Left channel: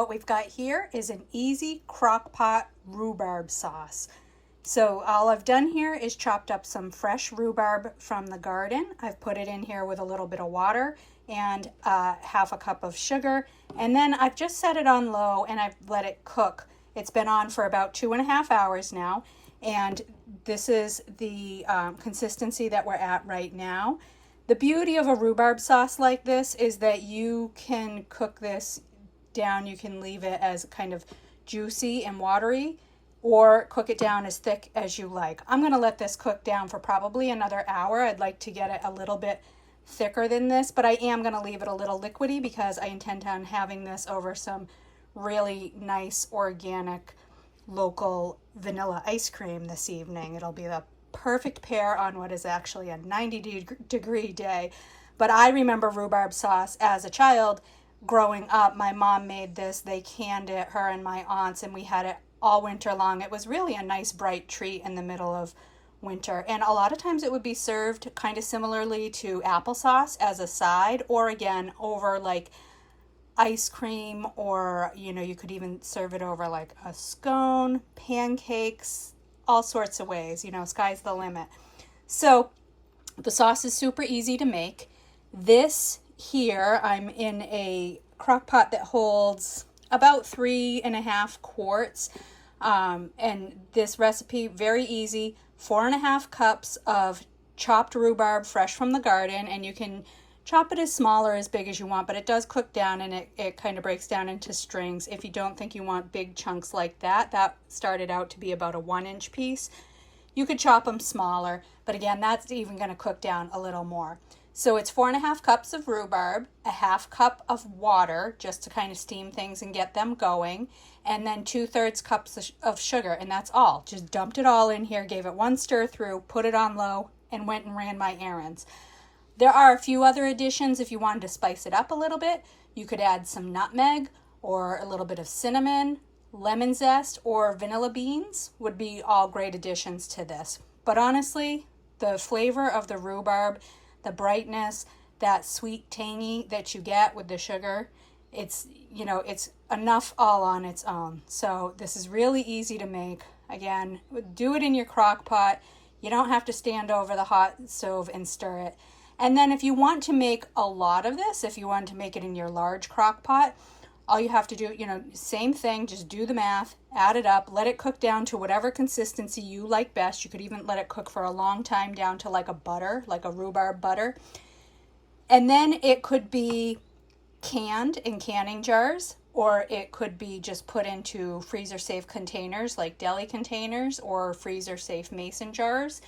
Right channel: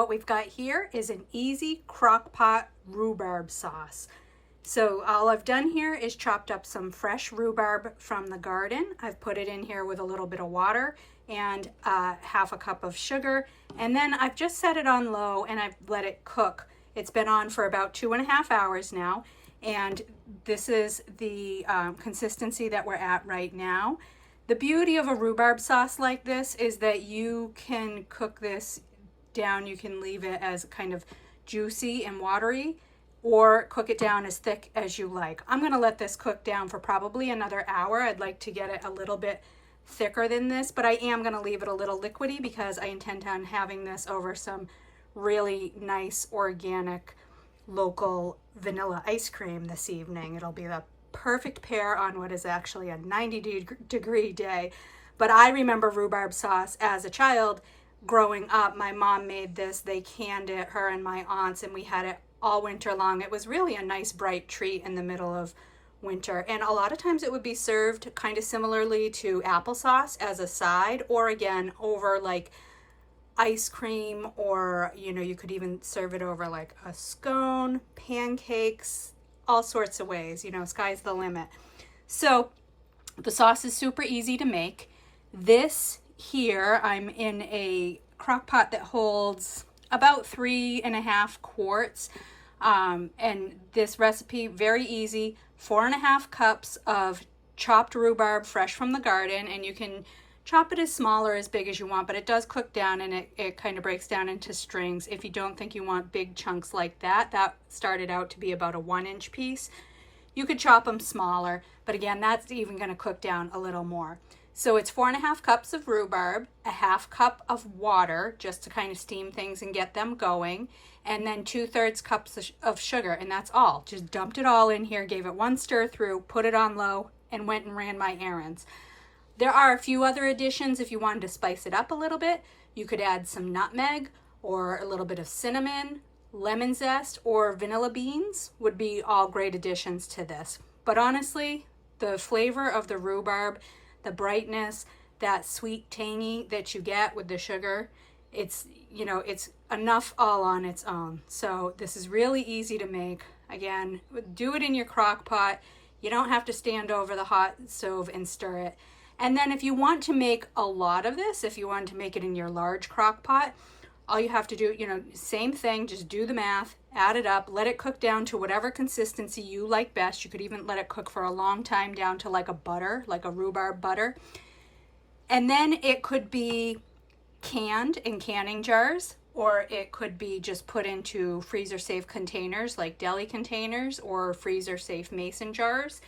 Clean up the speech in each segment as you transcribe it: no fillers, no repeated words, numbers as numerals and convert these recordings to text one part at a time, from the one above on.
What we've got here is an easy crock pot rhubarb sauce. So all I've done here is chopped up some fresh rhubarb from the garden. I've put it in here with a little bit of water and half a cup of sugar. And then I've just set it on low and I've let it cook. It's been on for about 2.5 hours now. And this is the consistency that we're at right now. The beauty of a rhubarb sauce like this is that you can cook this down. You can leave it as kind of juicy and watery, or cook it down as thick as you like. I'm going to let this cook down for probably another hour. I'd like to get it a little bit thicker than this, but I am going to leave it a little liquidy because I intend on having this over some really nice organic local vanilla ice cream this evening. It'll be the perfect pair on what is actually a 90-degree day. But I remember rhubarb sauce as a child growing up. My mom made this. They canned it, her and my aunts, and we had it all winter long. It was really a nice bright treat in the middle of winter, and a lot of times it would be served kind of similarly to applesauce as a side, or again over like ice cream, or you could even serve it over like a scone, pancakes, all sorts of ways. Sky's the limit. So the sauce is super easy to make. This here, I'm in a crock pot that holds about 3.5 quarts. And this recipe, very easy, 4.5 cups of chopped rhubarb fresh from the garden, and you can chop it as small or as big as you want, but it does cook down and it kind of breaks down into strings. If you don't think you want big chunks like that, that started out to be about a 1-inch piece. You could chop them smaller, but again, that's even going to cook down a little more. So it's 4.5 cups of rhubarb, a half cup of water just to kind of steam things and get them going, and then 2/3 cups of sugar, and that's all. Just dumped it all in here, gave it one stir through, put it on low, and went and ran my errands. There are a few other additions if you wanted to spice it up a little bit. You could add some nutmeg or a little bit of cinnamon, lemon zest, or vanilla beans would be all great additions to this. But honestly, the flavor of the rhubarb, the brightness, that sweet tangy that you get with the sugar, it's enough all on its own. So this is really easy to make. Again, do it in your crock pot. You don't have to stand over the hot stove and stir it. And then if you want to make a lot of this, if you want to make it in your large crock pot, all you have to do, same thing, just do the math, add it up, let it cook down to whatever consistency you like best. You could even let it cook for a long time down to like a butter, like a rhubarb butter. And then it could be canned in canning jars, or it could be just put into freezer-safe containers like deli containers or freezer-safe mason jars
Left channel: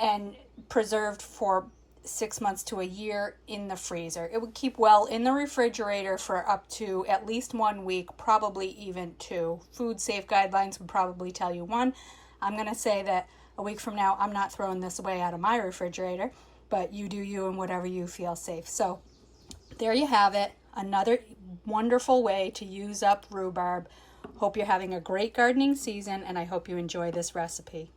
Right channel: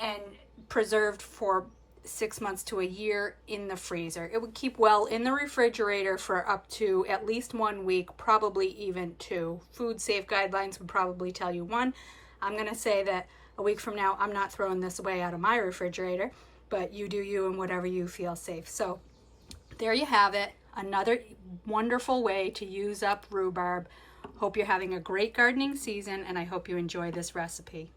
and preserved for 6 months to a year in the freezer. It would keep well in the refrigerator for up to at least 1 week, probably even 2. Food safe guidelines would probably tell you 1. I'm going to say that a week from now, I'm not throwing this away out of my refrigerator, but you do you and whatever you feel safe. So there you have it. Another wonderful way to use up rhubarb. Hope you're having a great gardening season, and I hope you enjoy this recipe.